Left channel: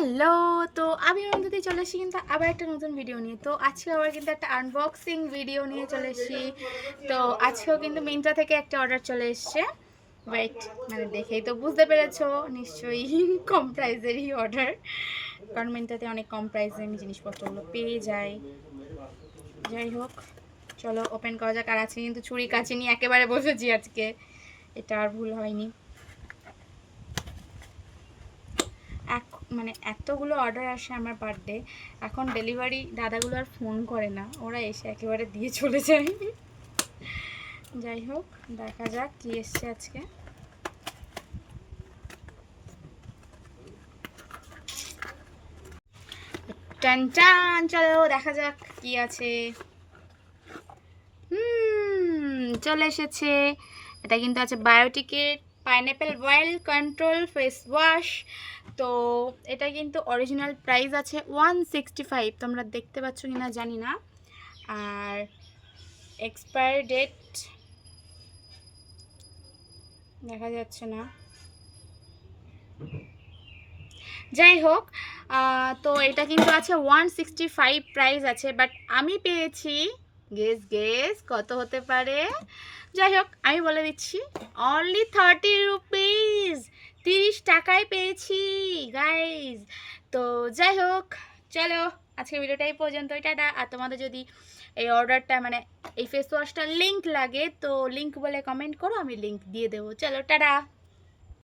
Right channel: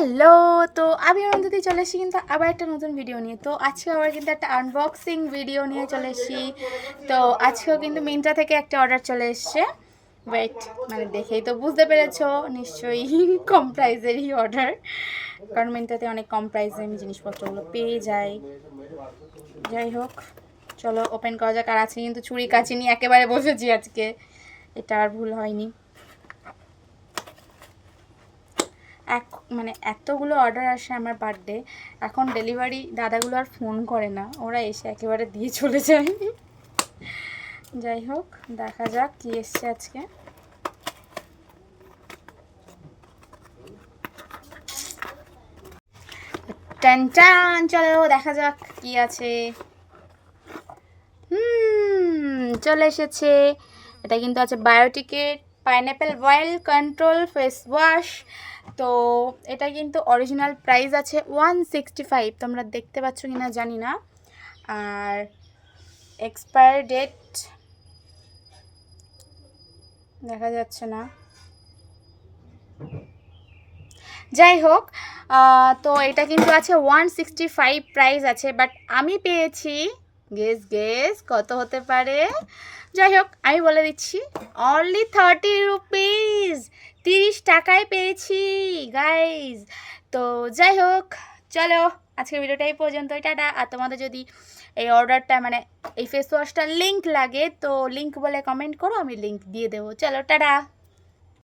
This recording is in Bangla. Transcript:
হ্যালো, তো আমি অন্তত চলে এসেছি কিন্তু আবার একটা নতুন ভিডিও নিয়ে। তো আজকে আবার কিন্তু একটা আনবক্সিং ভিডিও নিয়ে চলে এসেছি। তো আজকেও কিন্তু মিন্ত্রা থেকে একটা অর্ডার চলে এসছে। ওয়েট, মানে দেখেই তো বুঝতে পেরেছো নিশ্চয়ই কম প্রাইসেরই অর্ডার, কারণ মিন্ত্রাতে অনেক কম প্রাইসে আমি জিনিসপত্রগুলো পেয়ে যাই। যাই হোক, চলো ওপেন করা যাক। আর আছে কিন্তু ছুরি কাচি নিয়ে একেবারে বসেছি আজকে, এটা আর ভুল হয়নি। মানে এতগুলো অর্ডার আসে আমার বার্থডে, এখন ডেলিভারি দাদাগুলো আর ফোন করে না, ওরা এসে একেবারে দিয়ে চলে যায়। যাই হোক, দেখা যাক কি এসছে আজকে। টান টান, চলো দেখা যাক কি আছে। চলে এসেছে। এটা কিন্তু আছে বায়োটিকের pineapple oil control face wash. তো এটা কিন্তু অরিজিনাল প্রাইস আছে 165, তোমরা দেখতে পাচ্ছ কিনা জানি না। আর এক্সপায়ার ডেট দেখা যাচ্ছে না। যাই হোক, তো এটা কিন্তু আছে 165 প্রাইস আছে, বাট আমি পেয়েছি, গেস কত হতে পারে। যাই হোক, আমি বলে দিচ্ছি, অনলি 30 রুপিস, 30 টাকায় পেয়েছি গাইজ। তো যাই হোক, চলো আজকের ভিডিওটা এই পর্যন্তই, টাটা। আর তোমাদের যদি এই অর্ডারটা মানে এই ফেস ওয়াশটার লিঙ্ক লাগে তো লিঙ্ক বলে কমেন্ট করো, আমি লিঙ্ক দিয়ে দেবো। চলো টাটা।